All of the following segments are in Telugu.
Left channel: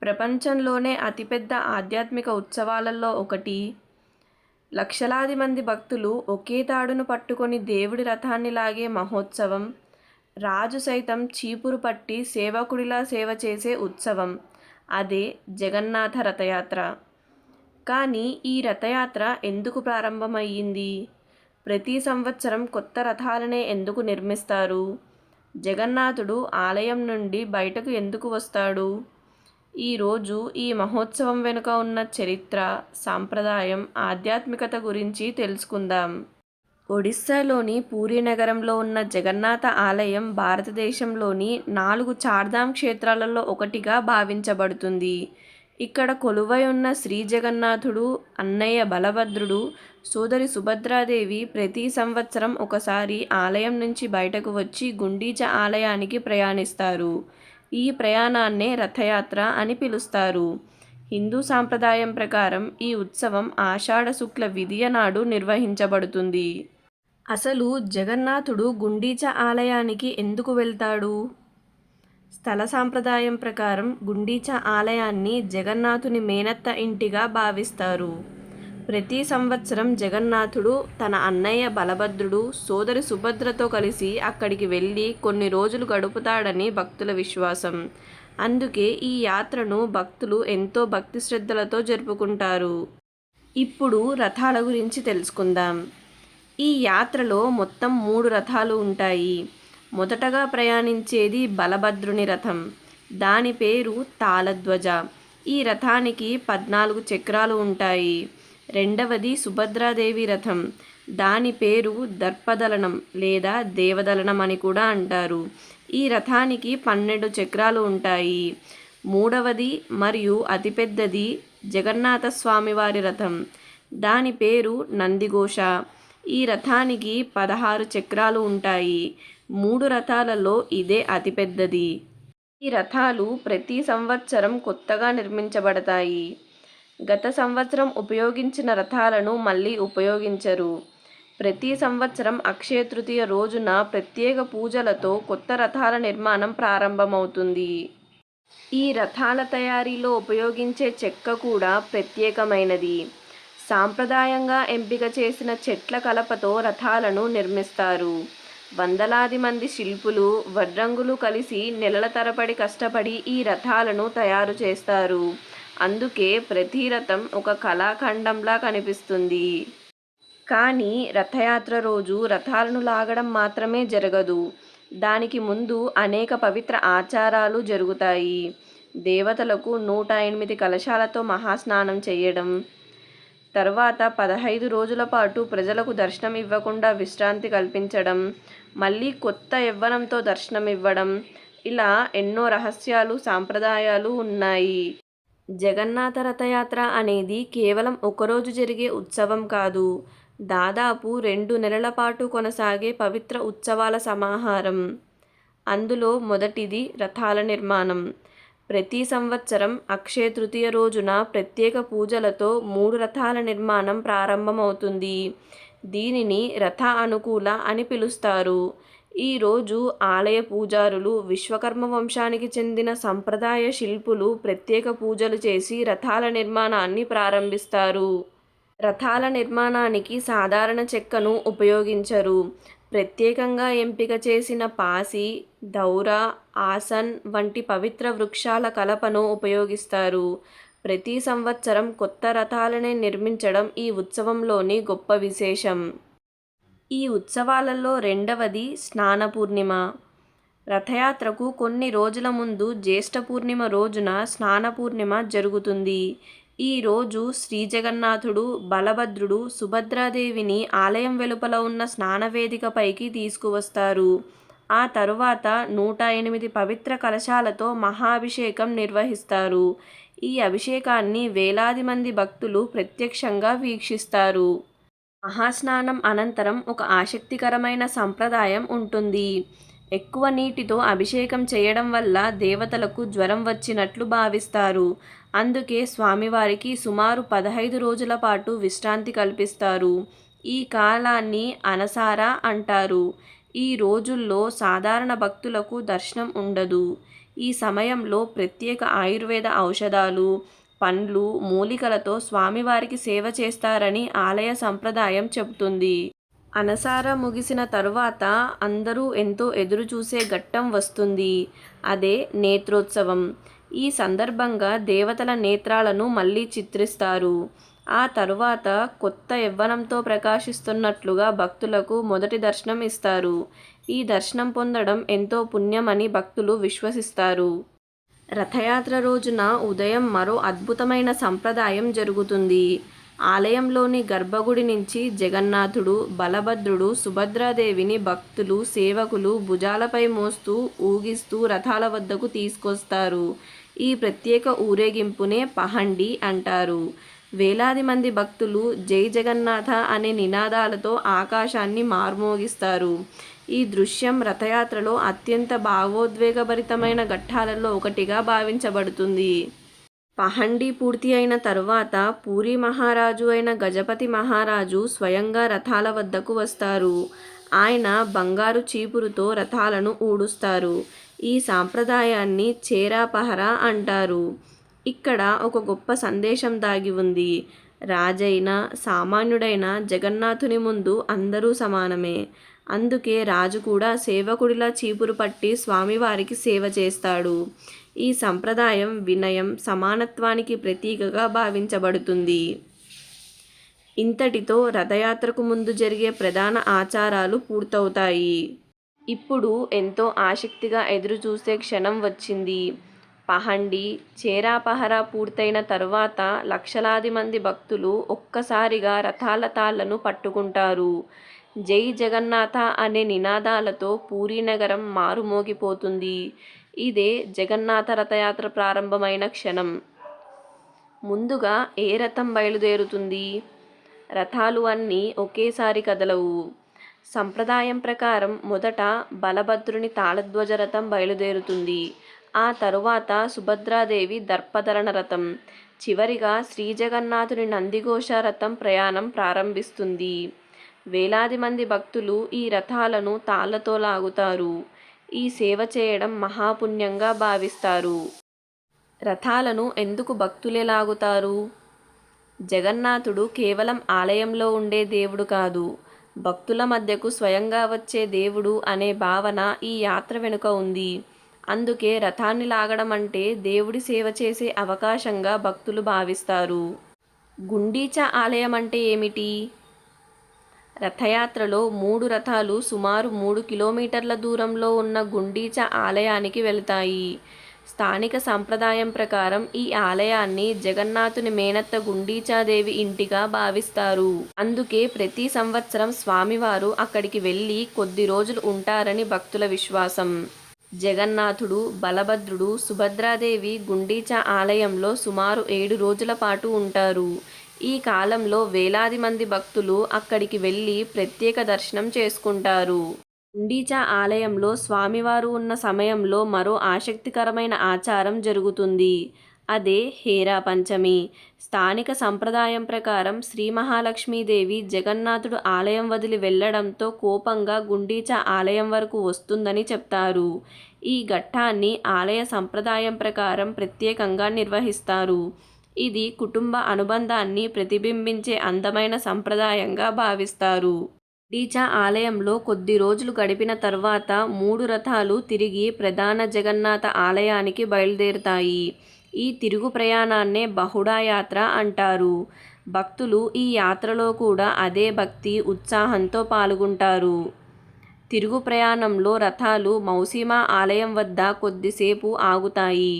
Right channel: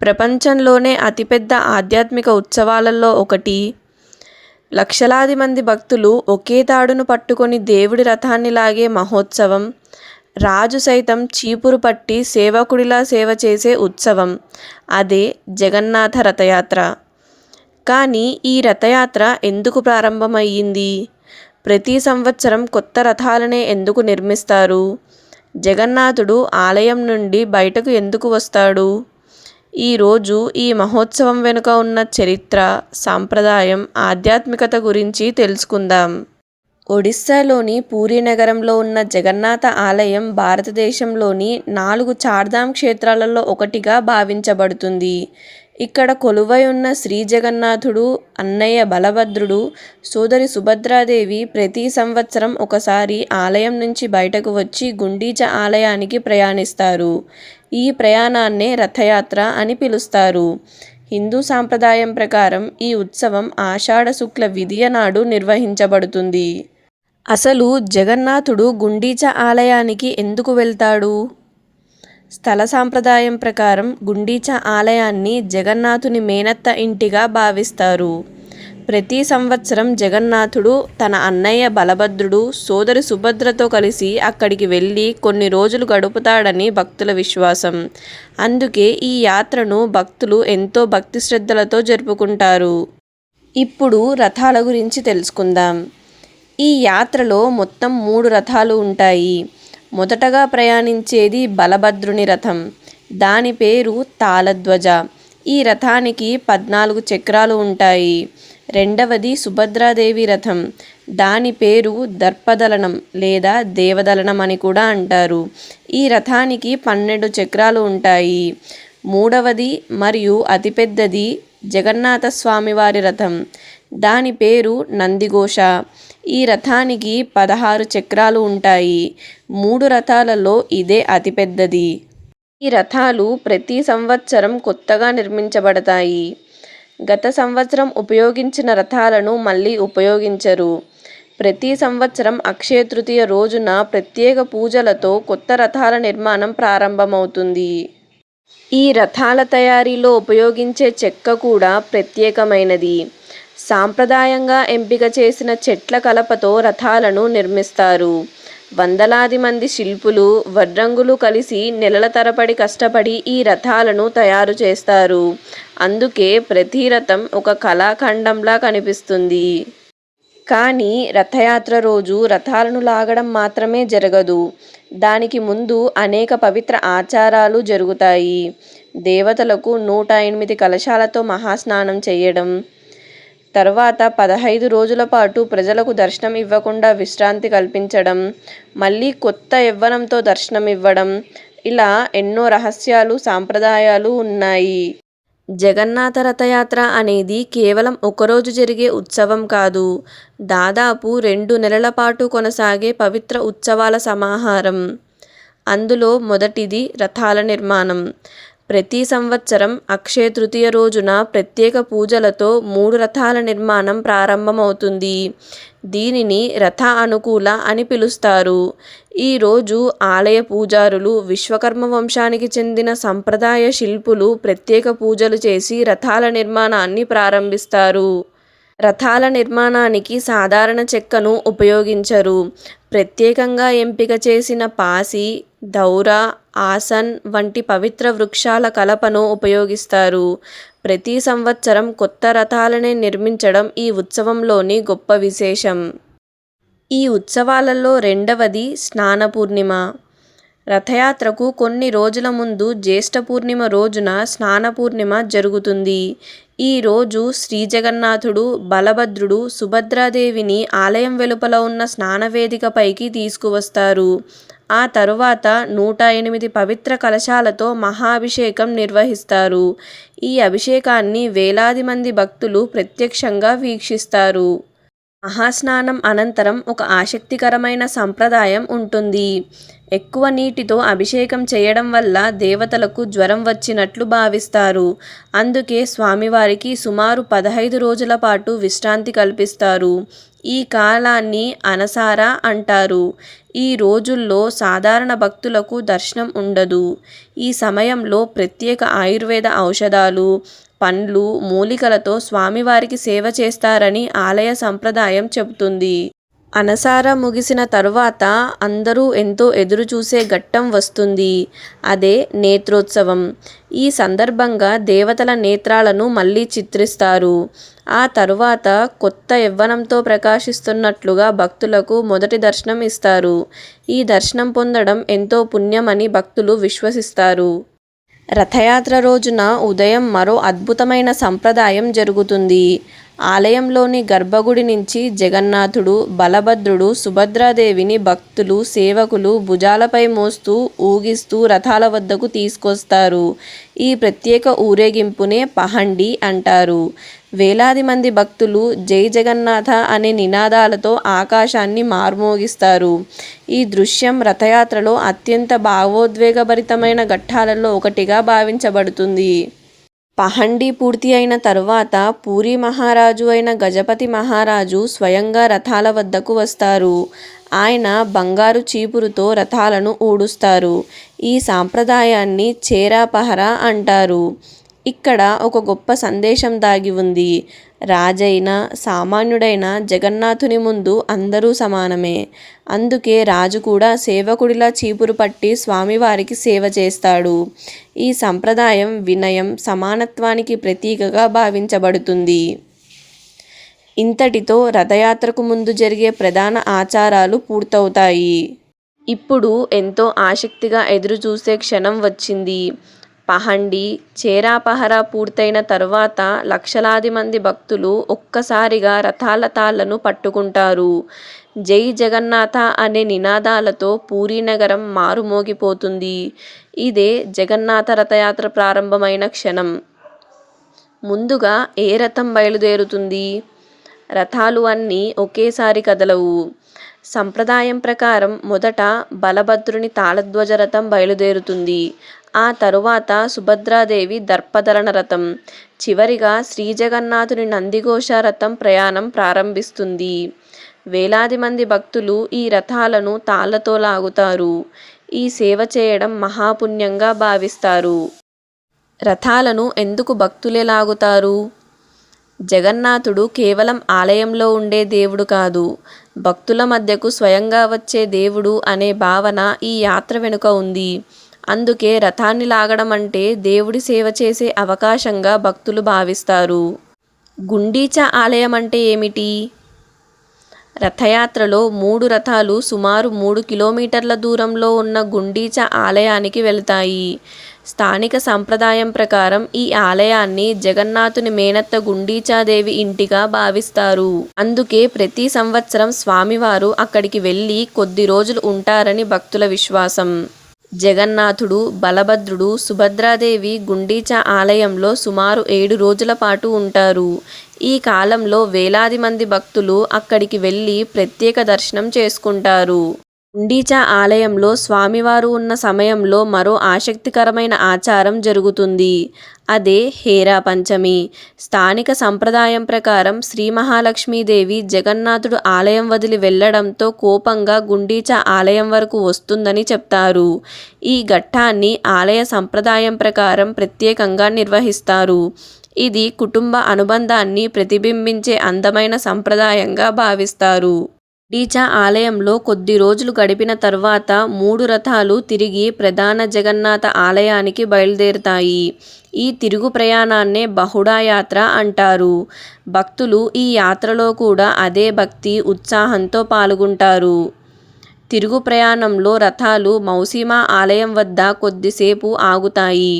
ప్రపంచంలోనే అతిపెద్ద ఆధ్యాత్మిక ఉత్సవాలలో ఒకటి. లక్షలాది మంది భక్తులు ఒకే తాడును పట్టుకొని దేవుడి రథాన్ని లాగే మహోత్సవం. రాజు సైతం చీపురు పట్టి సేవకుడిలా సేవ చేసే ఉత్సవం. అదే జగన్నాథ రథయాత్ర. కానీ ఈ రథయాత్ర ఎందుకు ప్రారంభమయ్యింది? ప్రతి సంవత్సరం కొత్త రథాలనే ఎందుకు నిర్మిస్తారు? జగన్నాథుడు ఆలయం నుండి బయటకు ఎందుకు వస్తాడు? ఈరోజు ఈ మహోత్సవం వెనుక ఉన్న చరిత్ర, సాంప్రదాయం, ఆధ్యాత్మికత గురించి తెలుసుకుందాం. ఒడిస్సాలోని పూరీ నగరంలో ఉన్న జగన్నాథ ఆలయం భారతదేశంలోని 4 చార్ధామ్ క్షేత్రాలలో ఒకటిగా భావించబడుతుంది. ఇక్కడ కొలువై ఉన్న శ్రీ జగన్నాథుడు, అన్నయ్య బలభద్రుడు, సోదరి సుభద్రాదేవి ప్రతి సంవత్సరం ఒకసారి ఆలయం నుంచి బయటకు వచ్చి గుండీచ ఆలయానికి ప్రయాణిస్తారు. ఈ ప్రయాణాన్నే రథయాత్ర అని పిలుస్తారు. హిందూ సాంప్రదాయం ప్రకారం ఈ ఉత్సవం ఆషాఢ శుక్ల విదియ నాడు నిర్వహించబడుతుంది. అసలు జగన్నాథుడు గుండీచ ఆలయానికి ఎందుకు వెళ్తాడు? స్థల సాంప్రదాయం ప్రకారం గుండీచ ఆలయాన్ని జగన్నాథుని మేనత్త ఇంటిగా భావిస్తారు. ప్రతి సంవత్సరం జగన్నాథుడు తన అన్నయ్య బలభద్రుడు, సోదరి సుభద్రతో కలిసి అక్కడికి వెళ్ళి కొన్ని రోజులు గడుపుతాడని భక్తుల విశ్వాసం. అందుకే ఈ యాత్రను భక్తులు ఎంతో భక్తి శ్రద్ధలతో జరుపుకుంటారు. ఇప్పుడు రథాల గురించి తెలుసుకుందాం. ఈ యాత్రలో మొత్తం 3 రథాలు ఉంటాయి. మొదటగా ప్రయాణించేది బలభద్రుని రథం. దాని పేరు తాళధ్వజ. ఈ రథానికి 14 చక్రాలు ఉంటాయి. రెండవది సుభద్రాదేవి రథం. దాని పేరు దర్పదలనం లేదా దేవదలనం అని కూడా అంటారు. ఈ రథానికి 12 చక్రాలు ఉంటాయి. మూడవది మరియు అతిపెద్దది జగన్నాథ స్వామివారి రథం. దాని పేరు నందిఘోష. ఈ రథానికి 16 చక్రాలు ఉంటాయి. 3 రథాలలో ఇదే అతిపెద్దది. ఈ రథాలు ప్రతి సంవత్సరం కొత్తగా నిర్మించబడతాయి. గత సంవత్సరం ఉపయోగించిన రథాలను మళ్ళీ ఉపయోగించరు. ప్రతి సంవత్సరం అక్షయ తృతీయ రోజున ప్రత్యేక పూజలతో కొత్త రథాల నిర్మాణం ప్రారంభమవుతుంది. ఈ రథాల తయారీలో ఉపయోగించే చెక్క కూడా ప్రత్యేకమైనది. సాంప్రదాయంగా ఎంపిక చేసిన చెట్ల కలపతో రథాలను నిర్మిస్తారు. వందలాది మంది శిల్పులు, వడ్రంగులు కలిసి నెలల తరబడి కష్టపడి ఈ రథాలను తయారు చేస్తారు. అందుకే ప్రతి రథం ఒక కళాఖండంలా కనిపిస్తుంది. కానీ రథయాత్ర రోజు రథాలను లాగడం మాత్రమే జరగదు. దానికి ముందు అనేక పవిత్ర ఆచారాలు జరుగుతాయి. దేవతలకు 108 కలశాలతో మహాస్నానం చేయడం, తర్వాత 15 రోజుల పాటు ప్రజలకు దర్శనం ఇవ్వకుండా విశ్రాంతి కల్పించడం, మళ్ళీ కొత్త యవ్వనంతో దర్శనం ఇవ్వడం, ఇలా ఎన్నో రహస్యాలు, సాంప్రదాయాలు ఉన్నాయి. జగన్నాథ రథయాత్ర అనేది కేవలం ఒకరోజు జరిగే ఉత్సవం కాదు. దాదాపు 2 నెలల పాటు కొనసాగే పవిత్ర ఉత్సవాల సమాహారం. అందులో మొదటిది రథాల నిర్మాణం. ప్రతి సంవత్సరం అక్షయ తృతీయ రోజున ప్రత్యేక పూజలతో 3 రథాల నిర్మాణం ప్రారంభమవుతుంది. దీనిని రథ అనుకూల అని పిలుస్తారు. ఈరోజు ఆలయ పూజారులు, విశ్వకర్మ వంశానికి చెందిన సంప్రదాయ శిల్పులు ప్రత్యేక పూజలు చేసి రథాల నిర్మాణాన్ని ప్రారంభిస్తారు. రథాల నిర్మాణానికి సాధారణ చెక్కను ఉపయోగించరు. ప్రత్యేకంగా ఎంపిక చేసిన పాసి, దౌర, ఆసన్ వంటి పవిత్ర వృక్షాల కలపను ఉపయోగిస్తారు. ప్రతి సంవత్సరం కొత్త రథాలనే నిర్మించడం ఈ ఉత్సవంలోని గొప్ప విశేషం. ఈ ఉత్సవాలలో రెండవది స్నాన పూర్ణిమ. రథయాత్రకు కొన్ని రోజుల ముందు జ్యేష్ఠ పూర్ణిమ రోజున స్నాన పూర్ణిమ జరుగుతుంది. ఈ రోజు శ్రీ జగన్నాథుడు, బలభద్రుడు, సుభద్రాదేవిని ఆలయం వెలుపల ఉన్న స్నానవేదిక పైకి తీసుకువస్తారు. ఆ తరువాత 108 పవిత్ర కలశాలతో మహాభిషేకం నిర్వహిస్తారు. ఈ అభిషేకాన్ని వేలాది మంది భక్తులు ప్రత్యక్షంగా వీక్షిస్తారు. మహాస్నానం అనంతరం ఒక ఆసక్తికరమైన సంప్రదాయం ఉంటుంది. ఎక్కువ నీటితో అభిషేకం చేయడం వల్ల దేవతలకు జ్వరం వచ్చినట్లు భావిస్తారు. అందుకే స్వామివారికి సుమారు 15 రోజుల పాటు విశ్రాంతి కల్పిస్తారు. ఈ కాలాన్ని అనసార అంటారు. ఈ రోజుల్లో సాధారణ భక్తులకు దర్శనం ఉండదు. ఈ సమయంలో ప్రత్యేక ఆయుర్వేద ఔషధాలు, పండ్లు, మూలికలతో స్వామివారికి సేవ చేస్తారని ఆలయ సంప్రదాయం చెబుతుంది. అనసార ముగిసిన తరువాత అందరూ ఎంతో ఎదురుచూసే ఘట్టం వస్తుంది. అదే నేత్రోత్సవం. ఈ సందర్భంగా దేవతల నేత్రాలను మళ్ళీ చిత్రిస్తారు. ఆ తరువాత కొత్త యవ్వనంతో ప్రకాశిస్తున్నట్లుగా భక్తులకు మొదటి దర్శనం ఇస్తారు. ఈ దర్శనం పొందడం ఎంతో పుణ్యమని భక్తులు విశ్వసిస్తారు. రథయాత్ర రోజున ఉదయం మరో అద్భుతమైన సంప్రదాయం జరుగుతుంది. ఆలయంలోని గర్భగుడి నుంచి జగన్నాథుడు, బలభద్రుడు, సుభద్రాదేవిని భక్తులు, సేవకులు భుజాలపై మోస్తూ ఊగిస్తూ రథాల వద్దకు తీసుకొస్తారు. ఈ ప్రత్యేక ఊరేగింపునే పహండి అంటారు. వేలాది మంది భక్తులు జై జగన్నాథ అనే నినాదాలతో ఆకాశాన్ని మార్మోగిస్తారు. ఈ దృశ్యం రథయాత్రలో అత్యంత భావోద్వేగభరితమైన ఘట్టాలలో ఒకటిగా భావించబడుతుంది. పహండి పూర్తి అయిన తరువాత పూరీ మహారాజు అయిన గజపతి మహారాజు స్వయంగా రథాల వద్దకు వస్తారు. ఆయన బంగారు చీపురుతో రథాలను ఊడుస్తారు. ఈ సాంప్రదాయాన్ని చేరాపహర అంటారు. ఇక్కడ ఒక గొప్ప సందేశం దాగి ఉంది. రాజైన సామాన్యుడైన జగన్నాథుని ముందు అందరూ సమానమే. అందుకే రాజు కూడా సేవకుడిలా చీపురు పట్టి స్వామివారికి సేవ చేస్తాడు. ఈ సంప్రదాయం వినయం, సమానత్వానికి ప్రతీకగా భావించబడుతుంది. ఇంతటితో రథయాత్రకు ముందు జరిగే ప్రధాన ఆచారాలు పూర్తవుతాయి. ఇప్పుడు ఎంతో ఆసక్తిగా ఎదురుచూసే క్షణం వచ్చింది. పహండి, చేరాపహర పూర్తయిన తరువాత లక్షలాది మంది భక్తులు ఒక్కసారిగా రథాల తాళ్లను పట్టుకుంటారు. జై జగన్నాథ అనే నినాదాలతో పూరీ నగరం మారుమోగిపోతుంది. ఇదే జగన్నాథ రథయాత్ర ప్రారంభమైన క్షణం. ముందుగా ఏ రథం బయలుదేరుతుంది? రథాలు అన్నీ ఒకేసారి కదలవు. సంప్రదాయం ప్రకారం మొదట బలభద్రుని తాళధ్వజ రథం బయలుదేరుతుంది. ఆ తరువాత సుభద్రాదేవి దర్పధరణ రథం, చివరిగా శ్రీజగన్నాథుని నందిఘోష రథం ప్రయాణం ప్రారంభిస్తుంది. వేలాది మంది భక్తులు ఈ రథాలను తాళ్లతో లాగుతారు. ఈ సేవ చేయడం మహాపుణ్యంగా భావిస్తారు. రథాలను ఎందుకు భక్తులే లాగుతారు? జగన్నాథుడు కేవలం ఆలయంలో ఉండే దేవుడు కాదు, భక్తుల మధ్యకు స్వయంగా వచ్చే దేవుడు అనే భావన ఈ యాత్ర వెనుక ఉంది. అందుకే రథాన్ని లాగడం అంటే దేవుడి సేవ చేసే అవకాశంగా భక్తులు భావిస్తారు. గుండీచా ఆలయం అంటే ఏమిటి? రథయాత్రలో 3 రథాలు సుమారు 3 కిలోమీటర్ల దూరంలో ఉన్న గుండీచా ఆలయానికి వెళతాయి. స్థానిక సంప్రదాయం ప్రకారం ఈ ఆలయాన్ని జగన్నాథుని మేనత్త గుండీచాదేవి ఇంటిగా భావిస్తారు. అందుకే ప్రతి సంవత్సరం స్వామివారు అక్కడికి వెళ్ళి కొద్ది రోజులు ఉంటారని భక్తుల విశ్వాసం. జగన్నాథుడు, బలభద్రుడు, సుభద్రాదేవి గుండీచా ఆలయంలో సుమారు 7 రోజుల పాటు ఉంటారు. ఈ కాలంలో వేలాది మంది భక్తులు అక్కడికి వెళ్ళి ప్రత్యేక దర్శనం చేసుకుంటారు. గుండీచా ఆలయంలో స్వామివారు ఉన్న సమయంలో మరో ఆసక్తికరమైన ఆచారం జరుగుతుంది. అదే హేరా పంచమి. స్థానిక సంప్రదాయం ప్రకారం శ్రీ మహాలక్ష్మీదేవి జగన్నాథుడు ఆలయం వదిలి వెళ్లడంతో కోపంగా గుండీచా ఆలయం వరకు వస్తుందని చెప్తారు. ఈ ఘట్టాన్ని ఆలయ సంప్రదాయం ప్రకారం ప్రత్యేకంగా నిర్వహిస్తారు. ఇది కుటుంబ అనుబంధాన్ని ప్రతిబింబించే అందమైన సంప్రదాయంగా భావిస్తారు. గుండీచా ఆలయంలో కొద్ది రోజులు గడిపిన తర్వాత 3 రథాలు తిరిగి ప్రధాన జగన్నాథ ఆలయానికి బయలుదేరుతాయి. ఈ తిరుగు ప్రయాణాన్నే బహుడా యాత్ర అంటారు. భక్తులు ఈ యాత్రలో కూడా అదే భక్తి, ఉత్సాహంతో పాల్గొంటారు. తిరుగు ప్రయాణంలో రథాలు మౌసీమా ఆలయం వద్ద కొద్దిసేపు ఆగుతాయి.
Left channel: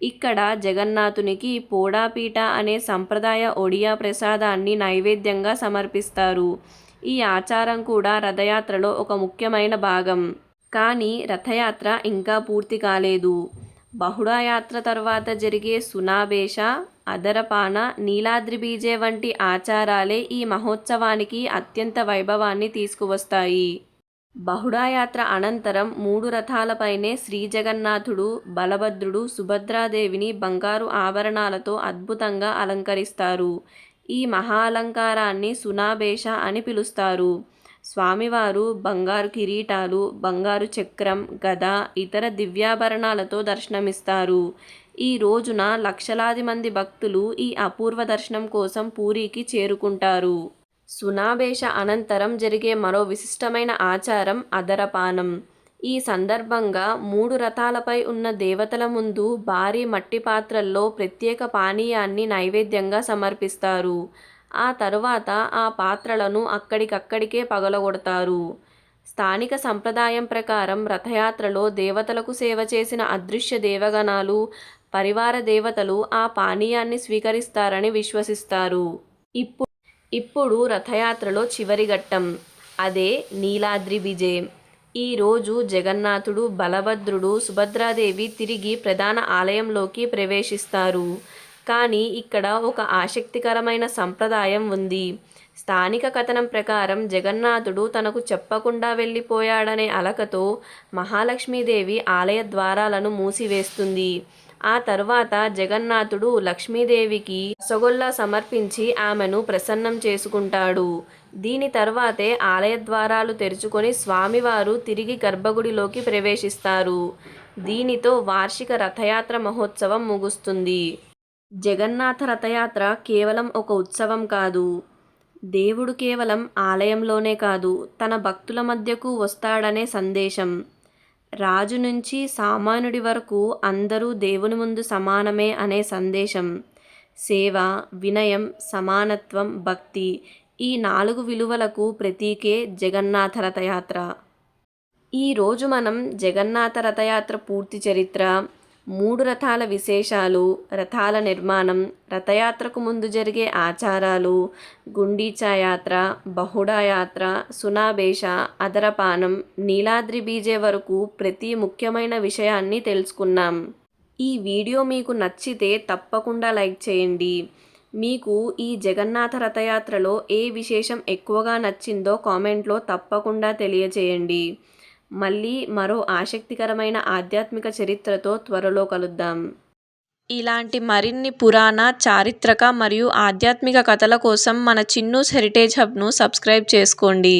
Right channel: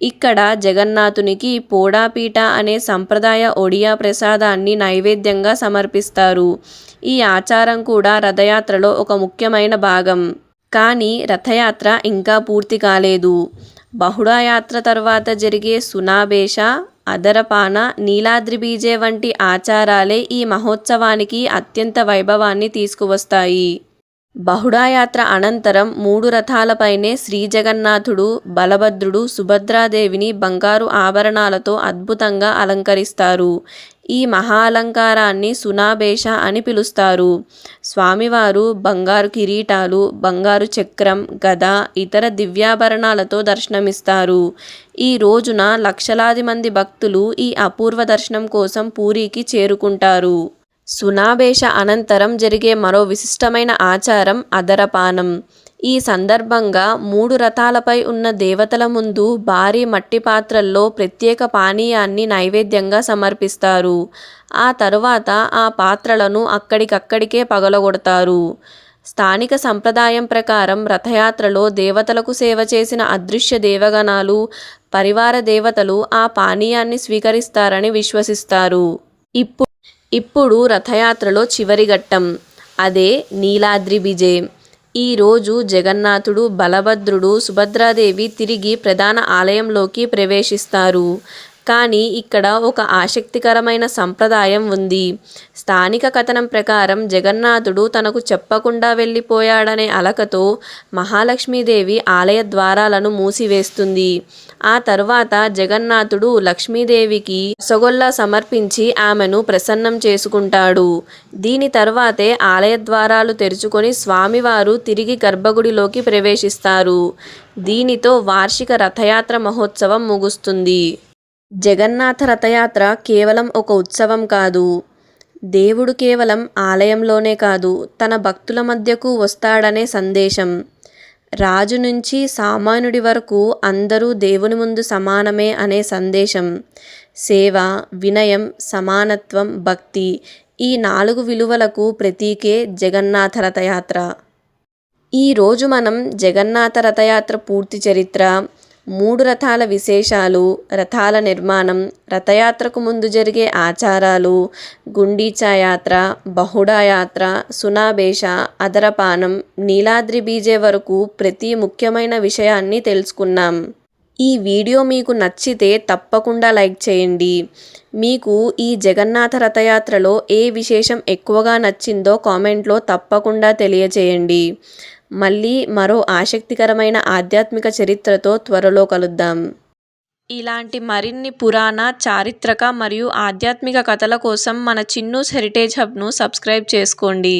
ఇక్కడ జగన్నాథునికి పోడాపీట అనే సంప్రదాయ ఒడియా ప్రసాదాన్ని నైవేద్యంగా సమర్పిస్తారు. ఈ ఆచారం కూడా రథయాత్రలో ఒక ముఖ్యమైన భాగం. కానీ రథయాత్ర ఇంకా పూర్తి కాలేదు. బహుడా యాత్ర తర్వాత జరిగే సునాబేష, అదరపాన, నీలాద్రి బీజే వంటి ఆచారాలే ఈ మహోత్సవానికి అత్యంత వైభవాన్ని తీసుకువస్తాయి. బహుళాయాత్ర అనంతరం 3 రథాలపైనే శ్రీజగన్నాథుడు, బలభద్రుడు, సుభద్రాదేవిని బంగారు ఆభరణాలతో అద్భుతంగా అలంకరిస్తారు. ఈ మహా అలంకారాన్ని సునాబేష అని పిలుస్తారు. స్వామివారు బంగారు కిరీటాలు, బంగారు చక్రం, గద, ఇతర దివ్యాభరణాలతో దర్శనమిస్తారు. ఈ రోజున లక్షలాది మంది భక్తులు ఈ అపూర్వ దర్శనం కోసం పూరీకి చేరుకుంటారు. సునాబేష అనంతరం జరిగే మరో విశిష్టమైన ఆచారం అదరపానం. ఈ సందర్భంగా 3 రథాలపై ఉన్న దేవతల ముందు భారీ మట్టి పాత్రల్లో ప్రత్యేక పానీయాన్ని నైవేద్యంగా సమర్పిస్తారు. ఆ తరువాత ఆ పాత్రలను అక్కడికక్కడికే పగలగొడతారు. స్థానిక సంప్రదాయం ప్రకారం రథయాత్రలో దేవతలకు సేవ చేసిన అదృశ్య దేవగణాలు, పరివార దేవతలు ఆ పానీయాన్ని స్వీకరిస్తారని విశ్వసిస్తారు. ఇప్పుడు రథయాత్రలో చివరి ఘట్టం. అదే నీలాద్రి బిజే. ఈరోజు జగన్నాథుడు, బలభద్రుడు, సుభద్రాదేవి తిరిగి ప్రధాన ఆలయంలోకి ప్రవేశిస్తారు. కానీ ఇక్కడ ఒక ఆసక్తికరమైన సంప్రదాయం ఉంది. స్థానిక కథనం ప్రకారం జగన్నాథుడు తనకు చెప్పకుండా వెళ్ళిపోయాడనే అలకతో మహాలక్ష్మీదేవి ఆలయ ద్వారాలను మూసివేస్తుంది. ఆ తరువాత జగన్నాథుడు లక్ష్మీదేవికి రసగుల్లా సమర్పించి ఆమెను ప్రసన్నం చేసుకుంటాడు. దీని తర్వాతే ఆలయ ద్వారాలు తెరుచుకొని స్వామివారు తిరిగి గర్భగుడిలోకి ప్రవేశిస్తారు. దీనితో వార్షిక రథయాత్ర మహోత్సవం ముగుస్తుంది. జగన్నాథ రథయాత్ర కేవలం ఒక ఉత్సవం కాదు. దేవుడు కేవలం ఆలయంలోనే కాదు, తన భక్తుల మధ్యకు వస్తాడనే సందేశం. రాజు నుంచి సామాన్యుడి వరకు అందరూ దేవుని ముందు సమానమే అనే సందేశం. సేవ, వినయం, సమానత్వం, భక్తి, ఈ 4 విలువలకు ప్రతీకే జగన్నాథ రథయాత్ర. ఈరోజు మనం జగన్నాథ రథయాత్ర పూర్తి చరిత్ర, 3 రథాల విశేషాలు, రథాల నిర్మాణం, రథయాత్రకు ముందు జరిగే ఆచారాలు, గుండీచా యాత్ర, బహుడా యాత్ర, సునాబేష, అదరపానం, నీలాద్రి బీజే వరకు ప్రతి ముఖ్యమైన విషయాన్ని తెలుసుకున్నాం. ఈ వీడియో మీకు నచ్చితే తప్పకుండా లైక్ చేయండి. మీకు ఈ జగన్నాథ రథయాత్రలో ఏ విశేషం ఎక్కువగా నచ్చిందో కామెంట్లో తప్పకుండా తెలియచేయండి. మళ్ళీ మరో ఆసక్తికరమైన ఆధ్యాత్మిక చరిత్రతో త్వరలో కలుద్దాం. ఇలాంటి మరిన్ని పురాణ, చారిత్రక మరియు ఆధ్యాత్మిక కథల కోసం మన చిన్నూస్ హెరిటేజ్ హబ్ను సబ్స్క్రైబ్ చేసుకోండి.